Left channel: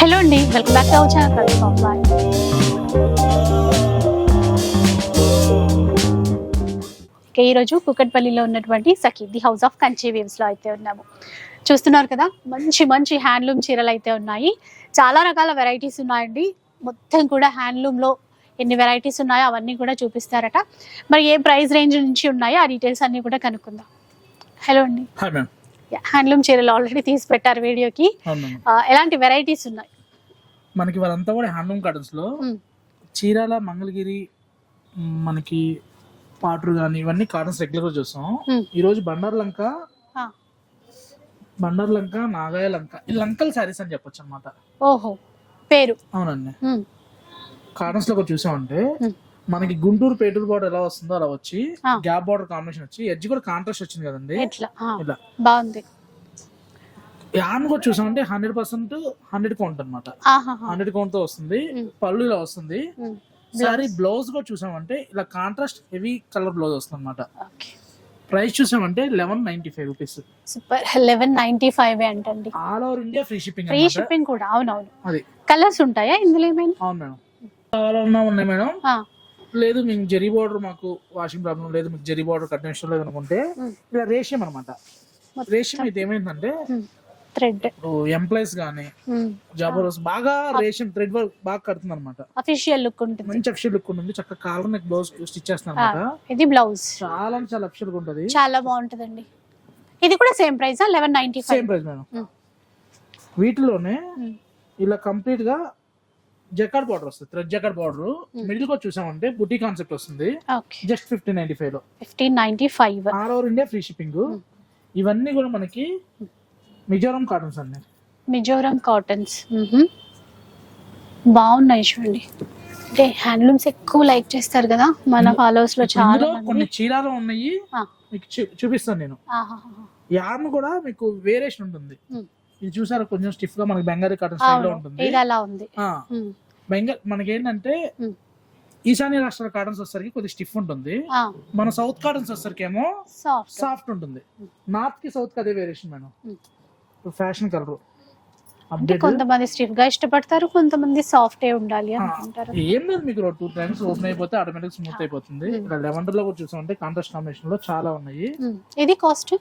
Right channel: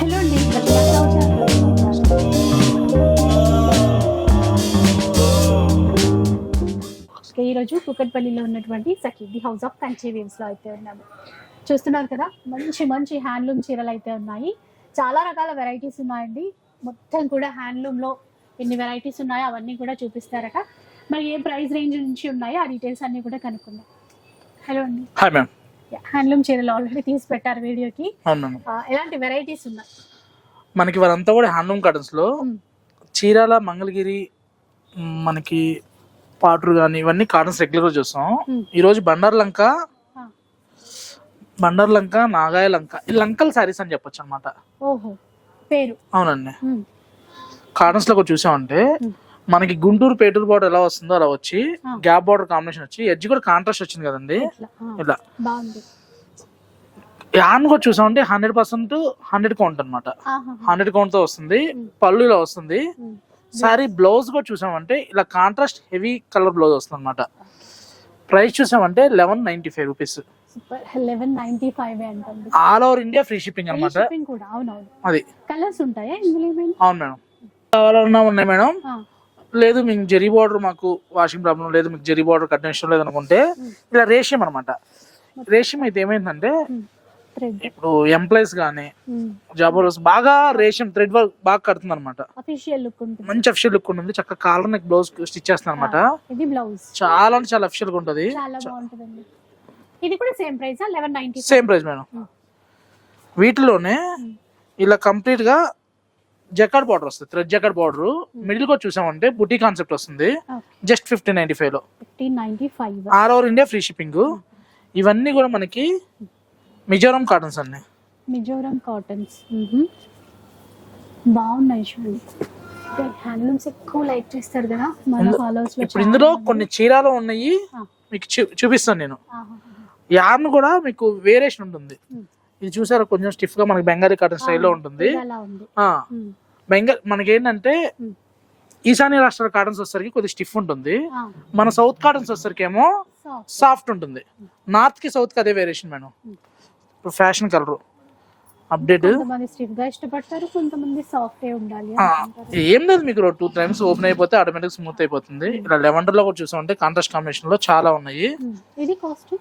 Hello అండి welcome back to our channel okay, ఈరోజు కుకట్పల్లిలో ఉన్నటువంటి Sakhi the house of Kanchi వేవ్స్లో అయితే ఉన్నాము. చూస్తున్నారు కదా మంచి మంచి హ్యాండ్లూమ్ చీరలు అయితే ఉన్నాయి. చాలా రకాల వెరైటీస్ ఉన్నాయండి. మొత్తం కూడా హ్యాండ్లూమ్లో ఎన్ని వెరైటీస్ ఉన్నాయో అవన్నీ కూడా చూపిస్తారట. మరి ఏ ప్రైస్ రేంజ్ నుంచి ఉన్నాయో ఆ డీటెయిల్స్ అన్నీ కూడా కనుక్కుందాం. హలో అండి. Hi ma'am. హ్యాండ్లూమ్ చీరలు ఆల్రెడీ తీసి పెట్టారు వీడియోకి. ఎలాంటి వెరైటీస్ ఉన్నాయి? మనకి వారంతా కూడా హ్యాండ్లూమ్ కాటన్స్లో. చీరాల మంగళగిరి మనకి పాటరు కానీ ఇవన్నీ కాటన్స్ రెగ్యులర్ చూస్తాం. ఈ రోజు బండార్ లంక. బండార్ లంక నాగాయ లంక. ఈ లంకల్ శారీస్ అని చెప్పొచ్చు అనమాట ఓహో పేరు. అవునండి. కాటన్స్లో కూడా చూసామంటే. మనకి గుంటూరు పేటూరు బార్డర్ ఎలా వస్తుందో అలా వచ్చి. గ్యాప్ బార్డర్ కాంబినేషన్ వచ్చి ఎడ్జ్ కూడా కాంట్రాస్ట్ వచ్చింది కదండి. ఇలా బాగుంది. యాన్ కూడా చూసామంటే హండ్రెడ్ పర్సెంట్ హండ్రెడ్ కౌంట్ అనమాట. హండ్రెడ్ కౌంట్తో వస్తుంది. పళ్ళు ఇలా వస్తుంది. సారీ బ్లౌజ్ కూడా చూసామంటే ఇలా కాంట్రాస్ట్ హెవీ కలర్ బ్లౌజ్ వస్తుంది అనమాట. ప్రైస్ చూసామంటే eleven ninety five rupees super eleven ninety five అంటండి all over India free shipping free shipping కూడా అవునవును. అది. కలర్స్ ఉంటాయా ఇందులో ఏమైనా? అవును మేడం. కావాలన్నా ఉన్నాయి మేడం. లేదు మీకు జెరీ బార్డర్ మాకు వాషింగ్ ప్రాబ్లం లేదు మీకు జెరీ బార్డర్ కట్టిన లేదు అనుకుంటే. ఇలా రేషియం అనమాట రేషియం అయితే ఏమైందంటే ఇప్పుడు ఎంప్లాయీస్ కానీ జాబ్ బాగా రేషియం థ్రెడ్ వర్క్ బాగా కడుతుంది అనమాట అఫీషియల్ లుక్ ఉంటుంది. మంచి అఫిషియల్ లుక్ ఉంటుంది చక్కగా కాలర్ నెక్ బ్లౌజ్ స్టిచ్ చేస్తుంది అనమాట ఇది బ్లౌజ్. చాలా అంటే చాలా అఫిషియల్గా ఉంటుంది. చాలా బాగుంటుందండి. ఇది కూడా same price eleven ninety same price madam. వీటిలోనే. ఇలా కంప్లీట్గా జకాడ్ బార్డర్ వస్తుంది థ్రెడ్ జకాడ్ బార్డర్. మిడిల్ కూడా చూసామంటే బుటీ కాన్సెప్ట్ వస్తుంది. జస్ట్ ఫిఫ్టీన్ నైన్టీ ఫైవ్లో. Fifteen ninety five. All over India free shipping. ఇవన్నీ కూడా మనకి మిజోరం కాటన్స్ అన్ని. మిజోరం కాటన్స్. బాగున్నాయి చూడండి. అంటే హ్యాండ్లూమ్స్ ఎక్కువ లైక్ చేస్తారు కదా మన ఫాలోవర్స్లో ఇందులో. కొన్ని చీరాలు ఉన్నాయి. మీకు చూపిస్తాను నేను. యార్న్ కూడా మీకు వేరియేషన్ ఉంటుంది. ఇది చూసారా? కొంచెం స్టిఫ్గా మనకి బెంగాలీ కాటన్ స్టైల్లో అవును, ఉంటుంది. ఇది అలా ఉంది ఆ, ఉమ్, బెంగాల్ మనకి ఏంటంటే మ్మ్. ఈశాన్య రాష్ట్రాల కాటన్స్ వచ్చేసరికి కొద్దిగా స్టిఫ్ ఉంటుంది. మన సౌత్ కాటన్స్ వచ్చేసరికి ఏమో. సాఫ్ట్ ఉంటుంది. నార్త్కి సౌత్కి అదే వేరియేషన్ మేడం. ఇప్పుడు ఫ్యాషన్ కలర్ అప్డేట్ కొంతమంది స్టిఫ్గా ఇష్టపడతారు కొంతమంది సాఫ్ట్ ఏ ఉండాలి ఏం లేదు మీకు టూ టైమ్స్ ఓపెన్ అయిపోతే ఆటోమేటిక్ స్మూత్ అయిపోతుంది. ఇలా లెవెండర్లో కూడా చూసామంటే కాంట్రాస్ట్ కాంబినేషన్లో చాలా ఉన్నాయి. ఇది cost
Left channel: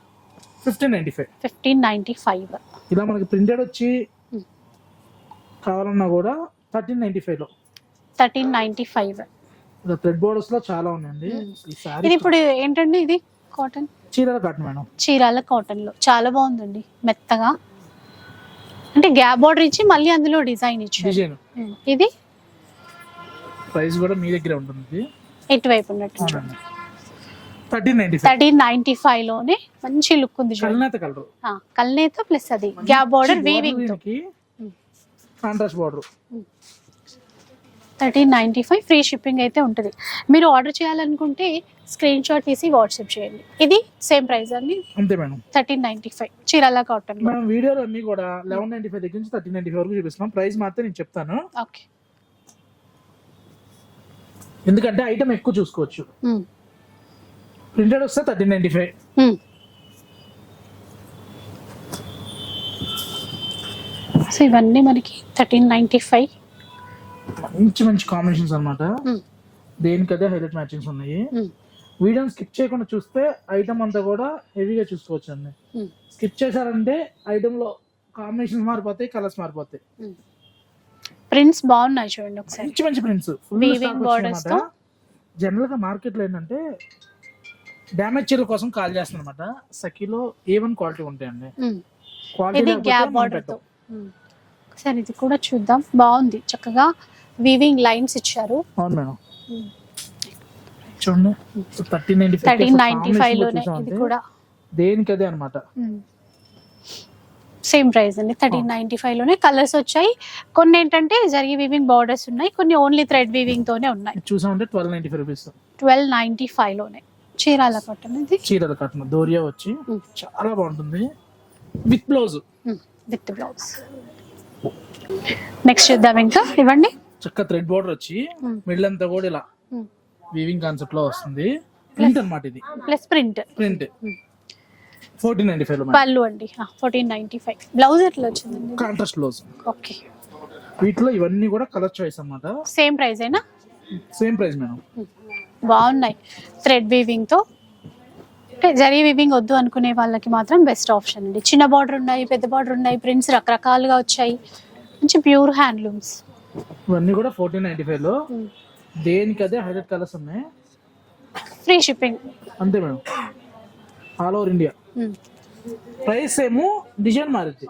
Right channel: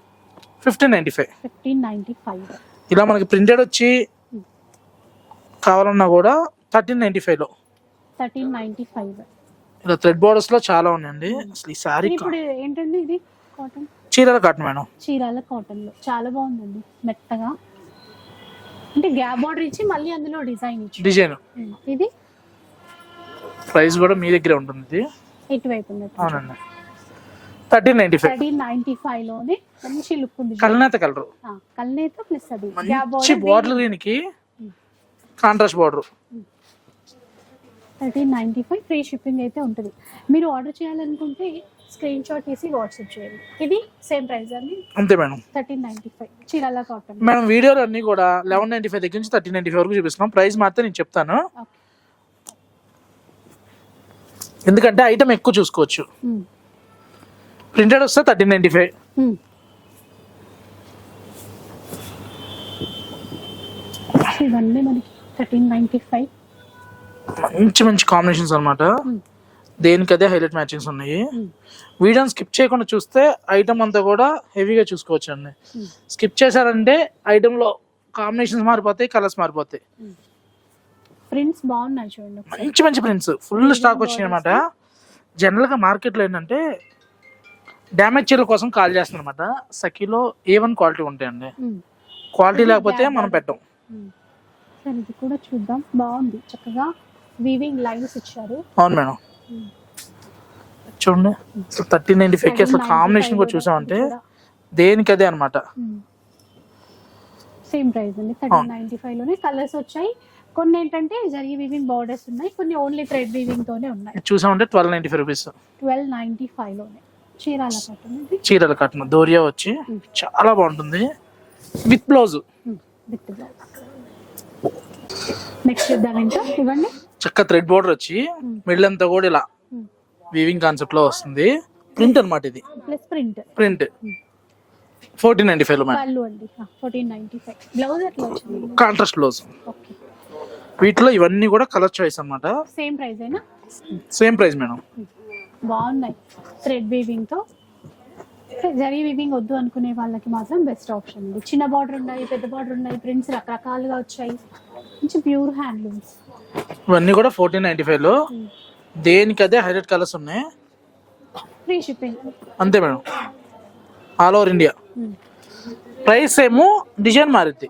fifteen ninety five fifteen ninety five ఇలా మనకి ప్రింటెడ్ వచ్చి. కావాలన్నా కూడా థర్టీన్ నైన్టీ ఫైవ్లో థర్టీన్ నైన్టీ ఫైవ్. ఇలా థ్రెడ్ బోర్డర్స్లో చాలా ఉన్నాయండి. అసలు ఈ సారీ ఇది ఇప్పుడు ఏంటండి ఇది? కాటన్? చీరల కాటన్ మేడం. చీరాల కాటన్లో చాలా బాగుందండి. మెత్తగా. అంటే గ్యాప్ బార్డర్ ఇచ్చి మళ్ళీ అందులో డిజైన్ ఇచ్చి డిజైన్. ఇది? ప్రైస్ కూడా మీ దగ్గరే ఉంటుంది ఇది. ఎటువైపు ఉన్నట్టు. అవునండి. Thirteen ninety five. Thirteen ninety ఫైవ్లోనే మంచి లుక్ ఉంది. కలనేత కలర్. కల్నేత ప్లస్ అది. గ్యాప్ బార్డర్ బార్డర్ దీనికి. Contrast border thirteen ninety five free shipping అయితే ఉంటుంది. మీరు ఆర్డర్ చేయాలనుకుంటే స్క్రీన్ షాట్ తీసి వాట్సాప్ చేయండి. ఇది సేమ్ ప్రైస్ అండి? అంతే madam. Thirteen ninety five Chirala cotton. Madam వీడియోలు అన్ని కూడా లెవెన్ నైన్టీ ఫైవ్ దగ్గర నుంచి థర్టీన్ నైన్టీ ఫైవ్ వరకు చూపిస్తున్నాం. ప్రైస్ మాత్రం నేను చెప్తాను. ఓకే. ఎందుకంటే ఐటమ్ ఎక్కువ చూసుకోవచ్చు. ప్రింటెడ్ వస్తే థర్టీన్ నైన్టీ ఫైవ్. సో ఇవన్నీ మనకి థర్టీన్ నైన్టీ ఫైవ్ మంచి మంచి కాంబినేషన్స్ అనమాట దేనికి అదే హైలైట్ మ్యాచింగ్స్ ఉన్నాయి. వీడియోని స్కిప్ చేయకుండా చూస్తే ఐటమ్ అంతా కూడా హెవీగా చూసుకోవచ్చు అండి. స్కిప్ చేశారంటే item లో కాంబినేషన్స్ మారిపోతాయి కలర్స్ మారిపోతాయి. ప్రింట్స్ బాగున్నాయి చూడండి మంచి మంచి ప్రింట్స్ ఫుల్ స్టాక్ borders అనమాట జనరల్గా మార్కెట్లో ఏంటంటే డ్యామేజ్ చీరల కోసం కాల్ చేస్తుంది అనమాట సఖీలో ఏ వన్ క్వాలిటీ ఉంటాయండి క్వాలిటీ లేకపోతే మనం పెట్టం. సరే ఇది కూడా చూద్దాం. బాగుంది. చక్కగా వీవింగ్ లైన్స్ ఇచ్చారు. అవును మేడం. చూడండి. థర్టీన్ నైన్టీ ఫైవ్ కాంబినేషన్ కూడా చూసామంటే దేనికి అదే అనమాట సేమ్ ప్రైస్ అండి. థర్టీన్ నైన్టీ ఫైవ్లోనే కలర్స్ వచ్చాయి. కొన్ని ఏంటంటే జరిగి వీవింగ్ బార్డర్స్ ఉన్నాయి. కొన్ని ఓన్లీ థ్రెడ్ వీవింగ్ తోనే ఉన్నాయి. చూసామంటే twelve ninety five rupees twelve ninety ఫైవ్లోనే. Chirala cotton ఇది. చీరల కట్టిన దోరియా వచ్చి. చాలా బాగుంటుంది. With blouse with blouse next చూద్దాం ఇంకా. ఇవ్వండి. చక్క థ్రెడ్ బోర్డర్ వచ్చి. మిడిల్ అంతా కూడా ఇలా. వీవింగ్ కాన్సెప్ట్లో వస్తుంది. ప్రింట్ అన్నమాట ఇది. Plus print print. Fourteen ninety ఫైవ్లో పళ్ళు అండి. ఫోర్టీన్ నైన్టీ ఫైవ్ బ్లౌజ్ ఎట్లా వచ్చింది? కాంట్రాస్ట్ బ్లౌజ్ ఓకే వీటిలో ఇవన్నీ కూడా కలర్ చాయిస్ అన్నమాట. సేమ్ ప్రైస్ అయినా సేమ్ ప్రైస్ మేడం. బాగున్నాయి. థ్రెడ్ వీవింగ్తో. జరీ వీవింగ్ వద్దు అనుకునే వాళ్ళకి మాత్రం బెస్ట్ ఆప్షన్ అండి. చిన్న బార్డర్ ఉన్నాయి పెద్ద బార్డర్ ఉన్నాయి ప్రింట్స్ రకరకాలుగా వచ్చాయి. మంచి ప్యూర్ హ్యాండ్లూమ్స్. ఇవన్నీ కూడా ఫోర్టీన్ నైన్టీ ఫైవ్లో. దేనికి అదే హైలైట్ కలర్స్ ఉన్నాయి? Free shipping. అంతే madam. All over India. Price ఏమో డిజైన్ మారుద్ది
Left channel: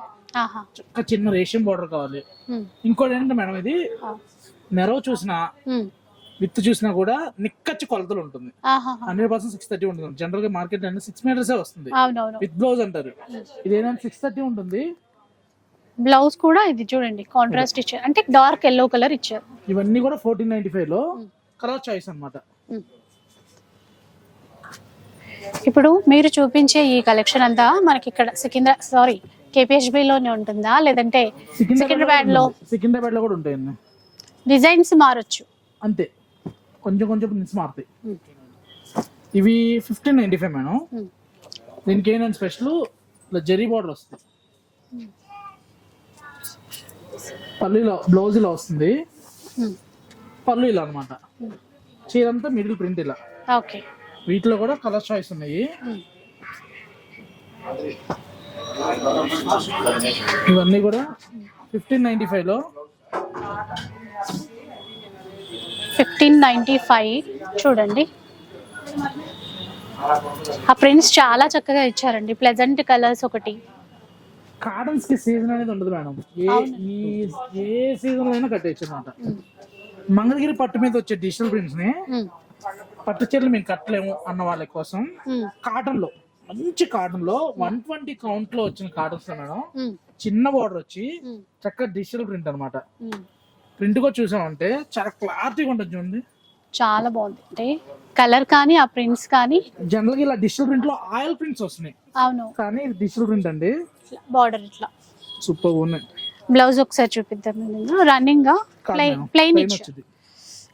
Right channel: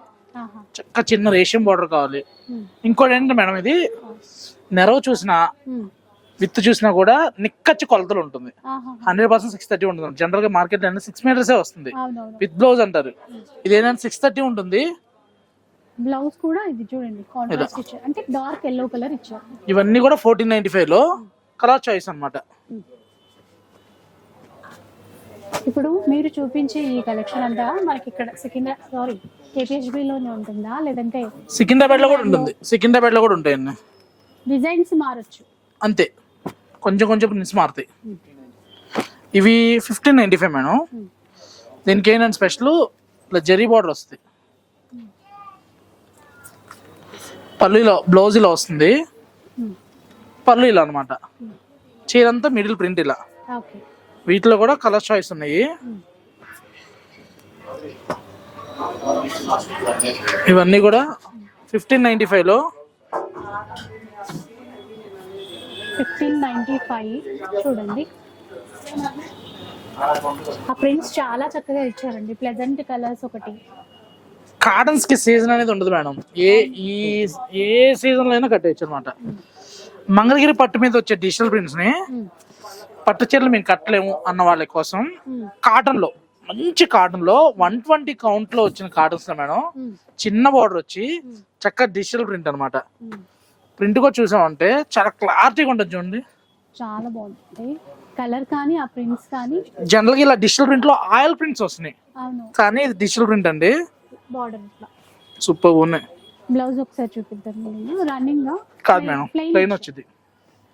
చక్క చిన్న రేషియం బార్డర్ కావాలి. ఇంకోటి ఏంటంటే మేడం ఇది నెరవ చూసినా. విత్ చూసినా కూడా నిక్కచ్చి కొలతలు ఉంటుంది. హండ్రెడ్ పర్సెంట్ సిక్స్ థర్టీ ఉంటుంది. జనరల్గా మార్కెట్ సిక్స్ మీటర్సే వస్తుంది. విత్ బ్లౌజ్ అంటారు. ఇది ఏంటంటే సిక్స్ థర్టీ ఉంటుంది. బ్లౌజ్ కూడా ఇది చూడండి కాంట్రాస్ట్ ఇచ్చారు. అంటే డార్క్ ఎల్లో కలర్ ఇచ్చారు. ఇవన్నీ కూడా ఫోర్టీన్ నైన్టీ ఫైవ్లో కలర్ చాయిస్ అన్నమాట. ఇప్పుడు మీరు చూపించే ఈ కలెక్షన్ అంతా మనకి ఇక్కడ సికింద్రా సారీ KPHB లోనే ఉంటుందా? లేదంటే సికింద్రాబాద్లో సికింద్రాబాద్లో కూడా ఉంటాయండి. డిజైన్స్ మారొచ్చు. అంతే. కొంచెం కొంచెం ప్రిన్స్ మారుతాయి. ఇవి ఫిఫ్టీన్ నైన్టీ ఫైవ్ మేడం. దీనికి ఏంటంటే స్పెషల్ ఇట్లా జరీ బార్డర్ వస్తుంది ఇలా బ్లౌజ్ ఇలా వస్తుంది. పళ్ళు ఇలా అనమాట చీరంతా మిడిల్ ప్రింట్ ఇలా. ఓకే. వీటిలో కూడా కలర్ చాయిస్ ఉన్నాయి. ఇవన్నీ కూడా ఫిఫ్టీన్ నైన్టీ ఫైవ్లో. Fifteen ninety five. చూడండి. ఆ ప్రింట్స్ చాలా చక్కగా ఇచ్చారండి. ప్లెజెంట్ కలర్స్ ఒకటి. కాటన్స్కి సీజన్ అనేది ఉండదు మేడం. ఏ ఈ ఏ సీజన్లో అయినా కట్టేయచ్చు అనమాట మంగళగిరి పట్టు మీద వచ్చే డిజిటల్ ప్రింట్స్ని పట్టు చీరలు మేము కట్టలేము అన్న వాళ్ళ కోసం కాటన్లో మంచి కాటన్లో వన్ ట్వంటీ కౌంట్లో వచ్చిన కాటన్స్లో మేడం. చిన్న బార్డర్ వచ్చి చక్కగా డిజిటల్ ప్రింట్ అనమాట. ప్రింట్ కూడా చూసామంటే చాలా క్లారిటీగా ఉంటుంది చూడండి. చాలా బాగుంది. అంటే కలర్ కానీ ఆ ప్రింట్స్ కానీ. జనరల్గా ఇలా డిజిటల్ ప్రింట్లో ఆయిల్ ప్రింట్స్ వస్తున్నాయి. అవును. కానీ ఇది డిజిటల్ ప్రింట్ అండి. బార్డర్ ఇట్లా. సూపర్ ఉన్నాయి. బ్లౌజ్ ఒకసారి చూపిద్దాం రన్నింగ్గా ప్లెయిన్ ప్లెయిన్ వచ్చింది.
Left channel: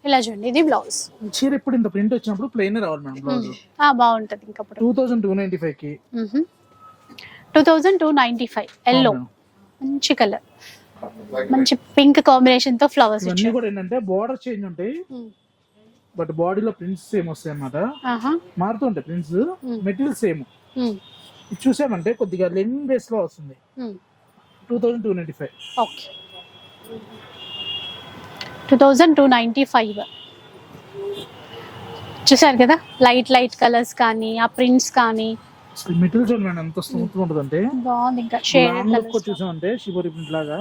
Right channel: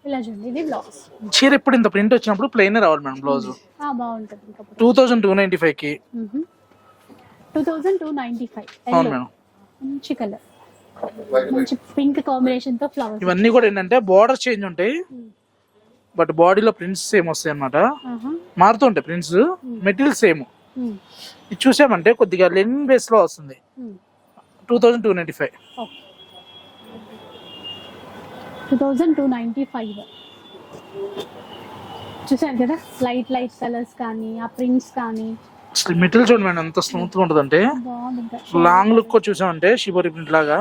ఇలా చూడండి ఇది బ్లౌజ్. చీర ఇప్పుడు ఇంత ప్రింట్ వచ్చినప్పుడు ప్లెయిన్ రావాలి మేడం బ్లౌజ్? బాగుంటది ఇంకా టూ థౌసండ్ టూ నైన్టీ ఫైవ్కి. Two thousand two ninety five yellow మంచి కలర్ మంచి పింక్ కాంబినేషన్తో ఫ్లవర్స్ ఇవన్నీ కూడా ఏంటంటే బార్డర్ చేంజ్ ఉంటాయి. బట్ బాడీలో ప్రింట్స్ సేమ్ వస్తాయి అన్నమాట. మారుతుంటాయి ప్రింట్స్ మెటీరియల్ సేమ్ ఇది చూసామంటే కొద్దిగా లెన్ బేస్లో వస్తుంది two thousand two ninety five. Okay two thousand two ninety five. చూసారు కదా? లైట్ లైట్ కలర్స్ కానీ ఆ ప్రింట్స్ కానీ. మెటీరియల్ చూడండి మేడం ఎంత స్మూత్గా ఉంటుంది అంటే లాంగ్ లుక్ చూసామంటే షిబోరి ప్రింట్ లాగా.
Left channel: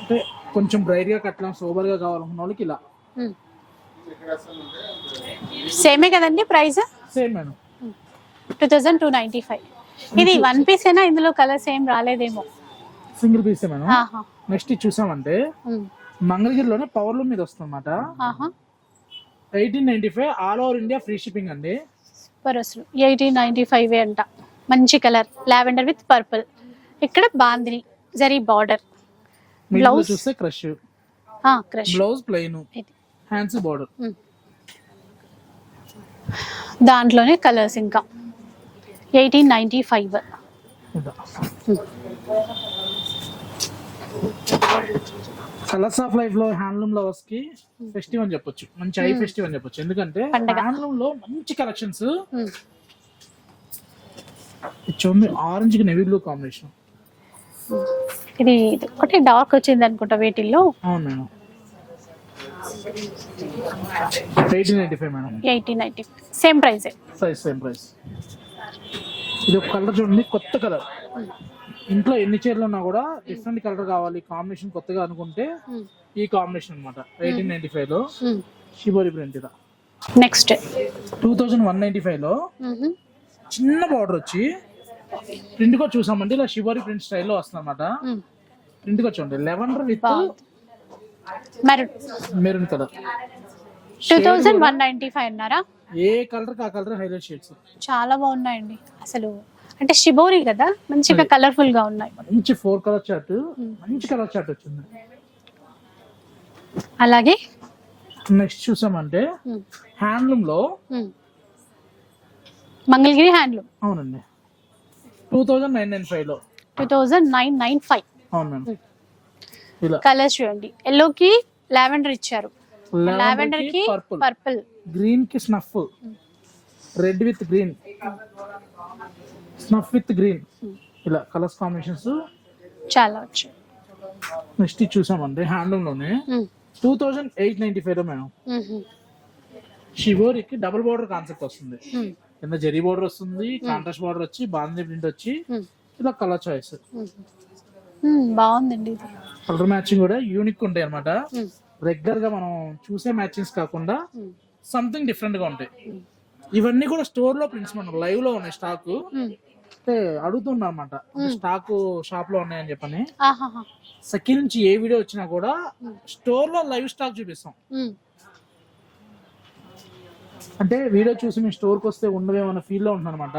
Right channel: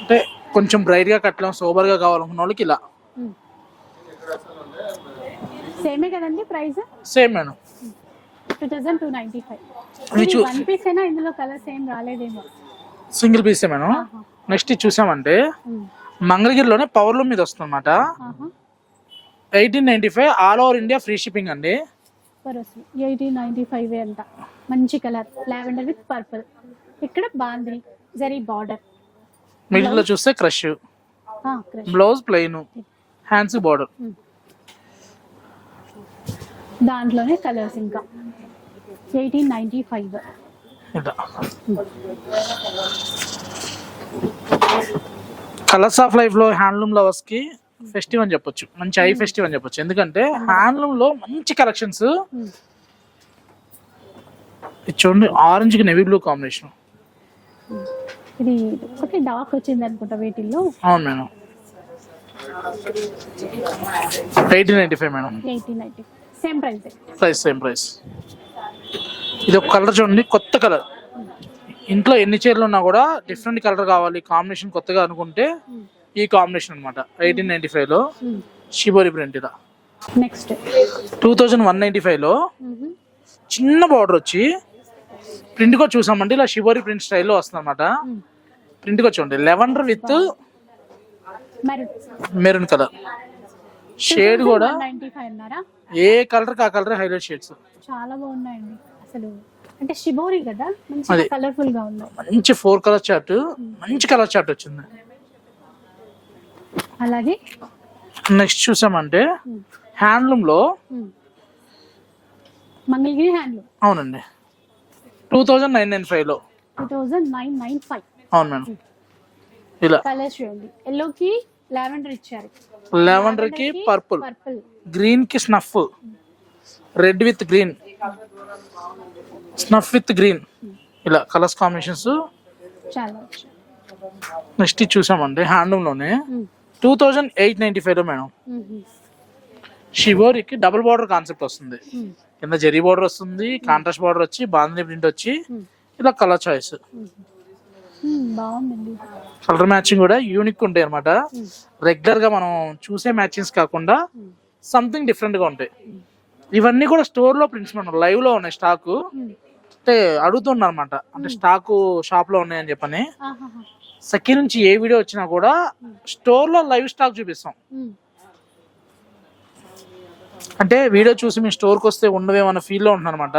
అంటే కొంచెం బ్రైట్గా కట్టలేం సోబర్గా కావాలనుకున్న వాళ్ళకి ఇలా. సేమే కదండి price? Same madam. Two thousand two ninety five ఇది వన్ పీస్ అయినా ఇందులో కలర్స్ ఏం రాలేదేమో. సింగిల్ పీసే మేడం? ఆహా. నెక్స్ట్ చూసామంటే. మంగళగిరిలోనే పవర్ లూమ్ మీద వస్తుంది అనమాట ఆహా. Eighteen ninety five all over India free shipping అండి. సూపర్ అసలు. ఎయిటీన్ నైంటీ ఫైవ్ అంట. మంచి కలర్ లావెండర్ విత్ పర్పుల్ ఇక్కడ బాందిని జరీ బార్డర్ మిడిల్? చూస్తే crush crush blouse plain hands border దాంట్లోనే కలర్స్ ఇంకా. Eighteen ninety five colours of లైఫ్లో హ్యాండ్లూమ్ లవర్స్కి ఫెస్టివ్ అని చెప్పొచ్చు. మంచి ఐ ఫెస్టివ్ అని చెప్పొచ్చు. ఎందుకంటే. హ్యాండ్లూమ్లో మంచి కలెక్షన్స్ చూడండి ఆరెంజ్కి నెవీ బ్లూ కాంబినేషన్ ఇది ఒకటి డార్క్ వచ్చింది అనుకుంటా వీటిల్లో. అవును madam. Eighteen ninety five madam eighteen ninety same price price same price ఇది ఒక కలర్ చూడండి కొత్త కలర్. ఇంట్లో ఎన్ని చీరలు ఉన్నా కూడా డిఫరెంట్ కలర్ కావాలి. కాంబినేషన్ కొత్తగా అనుకుంటే ఈ కాంబినేషన్ అనమాట ఎయిటీన్ నైన్టీ ఫైవ్లో షిబోరి ప్రింట్ ఇలా next two thousand one ninety ఫైవ్లో చిన్న బార్డర్ వచ్చి ప్రింట్ కూడా చూసామంటే ఇలా షిబోరి ప్రింట్ స్టైల్లో వస్తుంది అనమాట ప్రింట్ కూడా చూడండి లెవెండర్ విత్ మరి మెరూన్ కలర్ షేడ్ కూడా ఏ కలర్ ఆ కలర్ హైలైట్ షేడ్స్? చాలా బాగున్నాయండి. అసలు అంటే షిబోరి కదా మంచిగా. కలర్ఫుల్గా ఉన్నాయి. మంచి ఫోర్ కలర్ చార్ట్ మంచి కలర్ చార్ట్ వచ్చింది. అలాగే? నెక్స్ట్ చూసామంటే హ్యాండ్లూమ్లో. మంగళగిరి హ్యాండ్లూమ్. అవునండి. టూ థౌజండ్ నైన్ నైన్ ఫైవ్లో two thousand nine nine five. అవును మేడం. ఇలా. కలర్స్ చూడండి. ఎల్లో కి లావెండర్ ఇచ్చారు. లెవెండర్కి పర్పుల్. పర్పుల్. గ్రీన్కి snuff red with green snuff with green ఇలా కలర్స్ కాంబినేషన్స్ చాలా వచ్చాయి నెక్స్ట్ చూసామండి హ్యాండ్లూమ్లోనే టూ థౌజండ్ ఎయిట్ నైన్టీ ఫైవ్లో మేడం షివోరికి డబుల్ బార్డర్ కాన్సెప్ట్ వస్తుంది కింద జెరీ బార్డర్ వస్తుంది కాంట్రాస్ట్ బార్డర్ వచ్చి బాంధనీ ప్రింట్ వచ్చి ఇలా కలర్ చాయిస్ బాగుందండి కలర్ మ్యాచింగ్ కూడా యూనిక్ ఉంటాయి అనమాట Hmm. రెగ్యులర్గా మనం చూసే మ్యాచింగ్స్ కాకుండా సంథింగ్ డిఫరెంట్గా ఉంటాయి. ఇవన్నీ కూడా స్టోర్లో ప్రింట్స్ మనం లైవ్లో ఉన్నాయి స్టాక్ అంటే అడుగుతున్నారు అనమాట అంటే స్టాక్ షాప్లో ఉన్నాయని చెప్పని. సఖీ నుంచి ఏ వీడియో వచ్చినా కూడా స్టోర్లో లైవ్ స్టాక్ చూపిస్తాం. అంటే వీడియో చూసి మీ స్టోర్కి వస్తే ఉండవేమన్న ఫీల్లో ఉంటున్నారు అనమాట.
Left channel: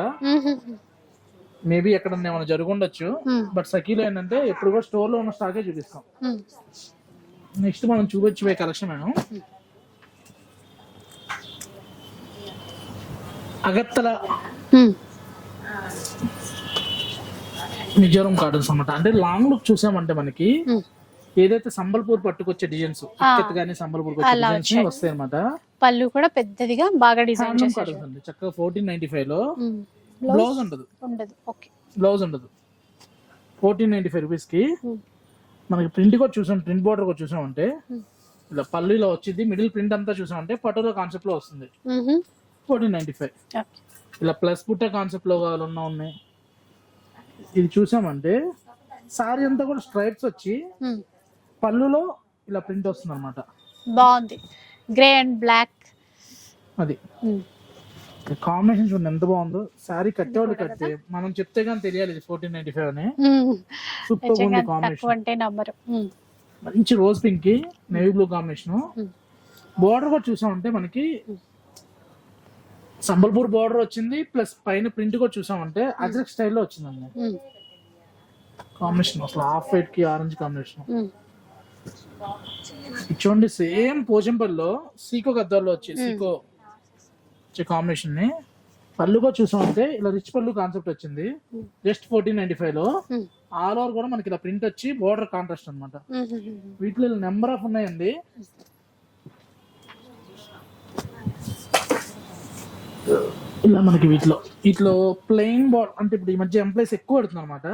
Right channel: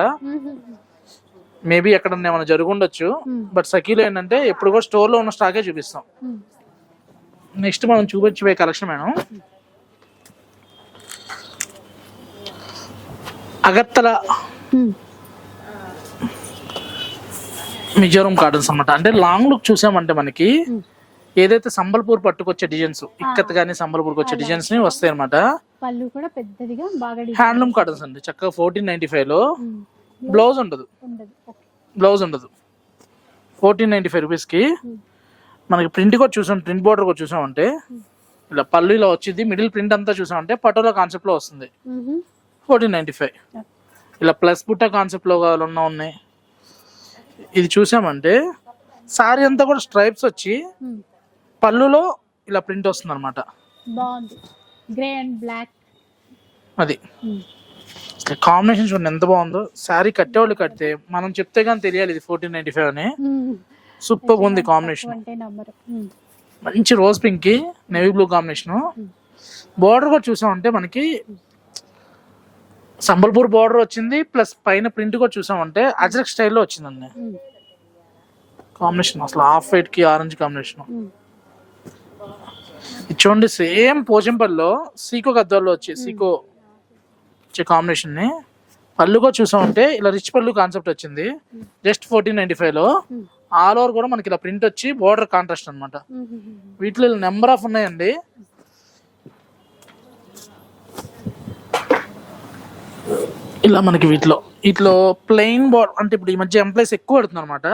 మేబీ ఎక్కడ ఏమైనా జరుగుండొచ్చు. బట్ సఖీలో ఏంటంటే ఎప్పుడు కూడా స్టోర్లో ఉన్న స్టాకే చూపిస్తాం. నెక్స్ట్ మనం చూపించబోయే కలెక్షన్ మేడం. అగత్తల. మిజోరం కాటన్స్ అన్నమాట అంటే లాంగ్ లుక్ చూసామంటే మనకి. ఏదైతే సంబల్పూర్ పట్టుకొచ్చే డిజైన్స్ ఇక్కత్ గానీ సంబల్పూర్ వచ్చే డిజైన్స్. వస్తాయి అనమాట పళ్ళు కూడా పెద్దదిగా బాగా హ్యాండ్లూమ్. కాటన్స్ అండి చక్కగా ఫోర్టీన్ నైన్టీ ఫైవ్లో. బ్లౌజ్ ఉండదు బ్లౌజ్ ఉండదు ఫోర్టీన్ నైన్టీ ఫైవ్ రూపీస్కి. మనకి ప్రింట్ కూడా చూసాం ప్రింట్ బోర్డర్ కూడా చూసామంటే. ఇలా పళ్ళు ఇలా వచ్చింది మిడిల్ ప్రింట్ అంతా చూసామంటే పటోలా కాన్సెప్ట్లో వస్తుంది. Fourteen ninety five. ఇలా ప్లస్ బుట్ట కాన్సెప్ట్లో ఉన్న ఉన్నాయి. ఇది చూసామంటే సారీ అంతా కూడా స్ట్రైప్స్ వచ్చి మ్మ్. పళ్ళులో ఇలా ప్రింట్ వస్తుంది అనమాట బాగుంది. గ్రే అండ్ బ్లాక్ అది. కాంబినేషన్ చూడండి ఎంత బాగుందో. శారీ కట్టేవాళ్ళు కడితే మనం చెప్తే కానీ తెలియాలి ఇది ఫోర్టీన్ నైన్టీ ఫైవ్ అని. సూపర్ ఉంది కాంబినేషన్ మంచి రోజ్ పింక్కి navy blue combination Hmm. Border కూడా చూసామంటే మనకి సంబల్పూర్ బార్డర్ వచ్చింది ప్లస్ పైన ప్రింట్ కూడా చూసామంటే అజరక్ స్టైల్లో వచ్చిందండి. కాంబినేషన్ అసలు హాఫ్ వైట్కి ఆరెంజ్ కాంబినేషన్ చూడండి సేమ్ పోచంపల్లిలో సీకో గద్దాల్లో వచ్చి సీకో వచ్చే కాంబినేషన్ని పళ్ళు కూడా చూసామంటే ఇలా రిచ్ పళ్ళు కాన్సెప్ట్ వచ్చింది. జస్ట్ ఫోర్టీన్ నైన్టీ ఫైవ్లో ఆల్ ఓవర్ కూడా మనకి ఇలా ప్రింట్ వచ్చి బార్డర్ కాంట్రాస్ట్ అన్నమాట. వీటిలో నెంబర్ ఆఫ్ ఉన్నాయండి. ఇలా మనకి వీటిలో. వీటిలో ప్లెయిన్ బార్డర్ అంటే ఇప్పుడు ఈ మధ్య ఎంప్లాయీస్ ఎక్కువ పెడుతున్నారు అనమాట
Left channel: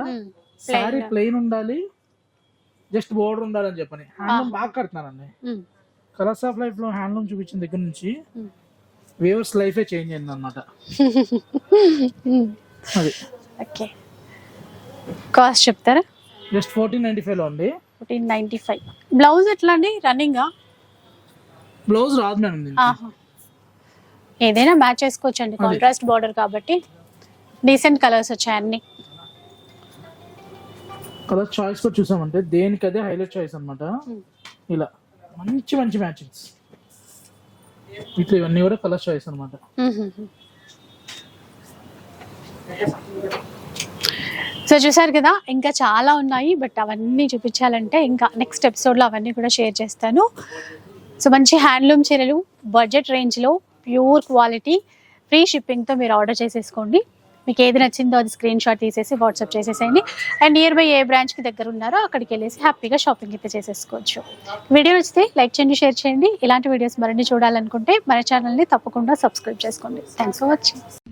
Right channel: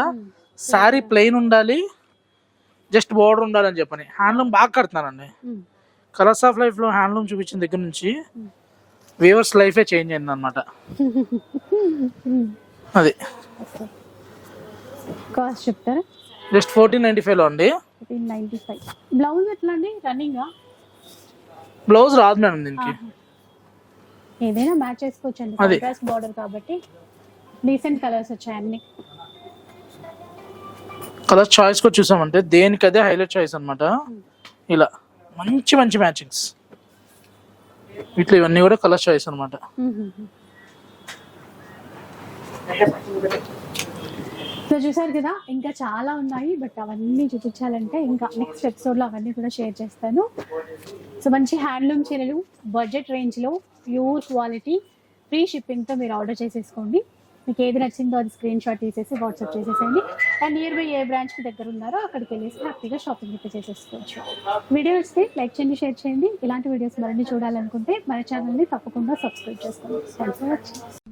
శారీ ప్లెయిన్ ఉండాలి జస్ట్ బార్డర్ ఉండాలని చెప్పని. హ్యాండ్లూమ్ బాగా కడుతున్నారండి. కలర్స్ ఆఫ్ లైఫ్లో హ్యాండ్లూమ్ చూపించిన దగ్గర నుంచి వ్యూవర్స్ లైఫే చేంజ్ అయింది అనమాట అది. ఓకే కాస్ట్ చెప్తారా? జస్ట్ ఫోర్టీన్ నైన్టీ ఫైవ్లో అండి. ఫోర్టీన్ నైంటీ ఫైవ్ బ్లౌజ్ ఎట్లా అండి? రన్నింగా బ్లౌజ్ రాదు మేడం దీనికి. ఏదైనా మ్యాచ్ చేసుకోవచ్చు అండి అది. కాంట్రాస్ట్ బార్డర్ కాబట్టి డీసెంట్ కలర్స్ వచ్చాయి అన్ని. కలర్ చాయిస్ కూడా చూసామంటే దేనికి అదే హైలైట్ చాయిస్ అన్నమాట ఇలా మంచి మంచి మ్యాచింగ్స్ వీటిలో ఇవన్నీ కూడా కలర్ చాయిస్ అన్నమాట. సో చూసారు కదా ఇంకా చాలా ఉన్నాయి బట్ అవన్నీ చూపించాలంటే ఇంకా నెక్స్ట్ ఎపిసోడ్లో అవన్నీ కూడా షేర్ చేస్తాను. సో మంచి హ్యాండ్లూమ్ చీరలు బడ్జెట్ రేంజ్లో ప్యూర్ క్వాలిటీ ఫ్రీ షిప్పింగ్తో మీరు ఆర్డర్ చేసేసుకోండి. మీకు ఏది నచ్చిందో అది స్క్రీన్ షాట్ తీసేసి వాట్సాప్ చేసేసేయండి. అండ్ నియర్ బై ఏ బ్రాంచ్కి దగ్గర ఉన్నారో అక్కడికి వెళ్ళేసి హ్యాపీగా షాపింగ్ అయితే చేసేసుకోవచ్చు. వీడియో నచ్చితే లైక్ చేయండి షేర్ చేయండి. ఇలాంటి వీడియోస్ మరిన్ని చూడాలనుకుంటే మన ఛానల్ని తప్పకుండా సబ్స్క్రైబ్ చేసుకోండి. Thanks for watching